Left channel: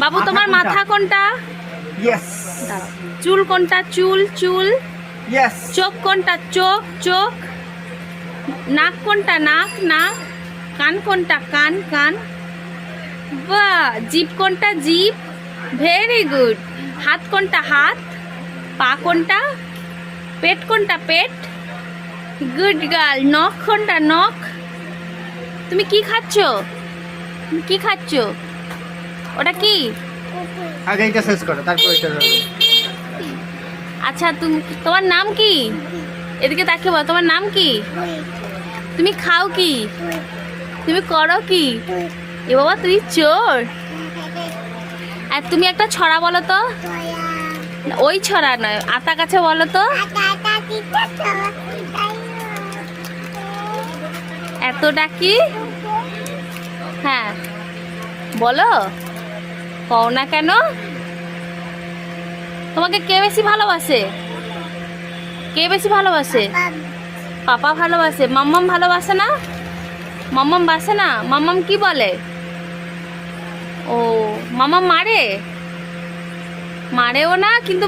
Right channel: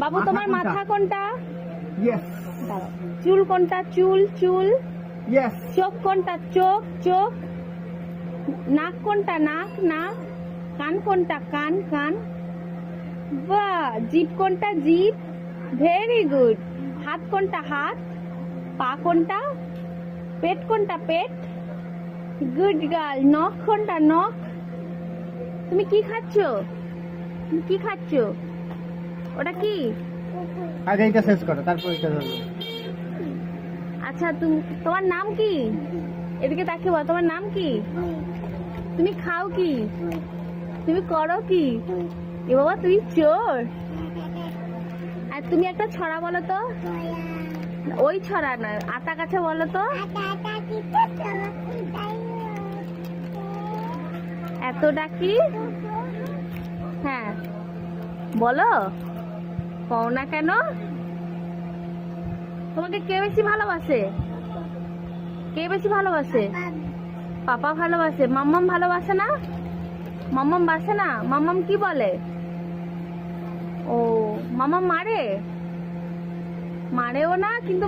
বাবু তোমার মাথা কোনটা? ইয়েস। চুল কোনটা? চুল চুল। ইয়েস। চোখ কোনটা? চোখ চোখ। নাক কোনটা? নাক নাক। কান কোনটা? কান কান। বাহ! জিভ কোনটা? জিভ। Very good. হাত কোনটা? হাত। পা কোনটা? পেট কোনটা? পেট। Good girl. নখ কোনটা? নখ। তুমি কি খাচ্ছ? তুমি কি খাচ্ছ? ওটা কি? আগে এটা শেষ করো, তারপর এটা ধরো। আচ্ছা তুমি, তোমার নাম কি? এদিকে তাকিয়ে বলো, তোমার নাম কি? তুমি খাও কি? তুমি করো কি? এ বাবা, তুই চোর। আর তুমি একটা ছড়া বলো তো। ওই ছড়া নয়, আতা গাছে বলো তো। এত ডাকি। হ্যাঁ বলো, কও না কেন? তোমাকে কে বেশি ভালোবাসে? কে বেশি ভালোবাসে? পাপা ভালোবাসে। মাম্মাম ভালোবাসে না? মাম্মাম বাসে না? মাম্মাম কি বলে? ও, মাম্মাম মারে? মারেও না কিন্তু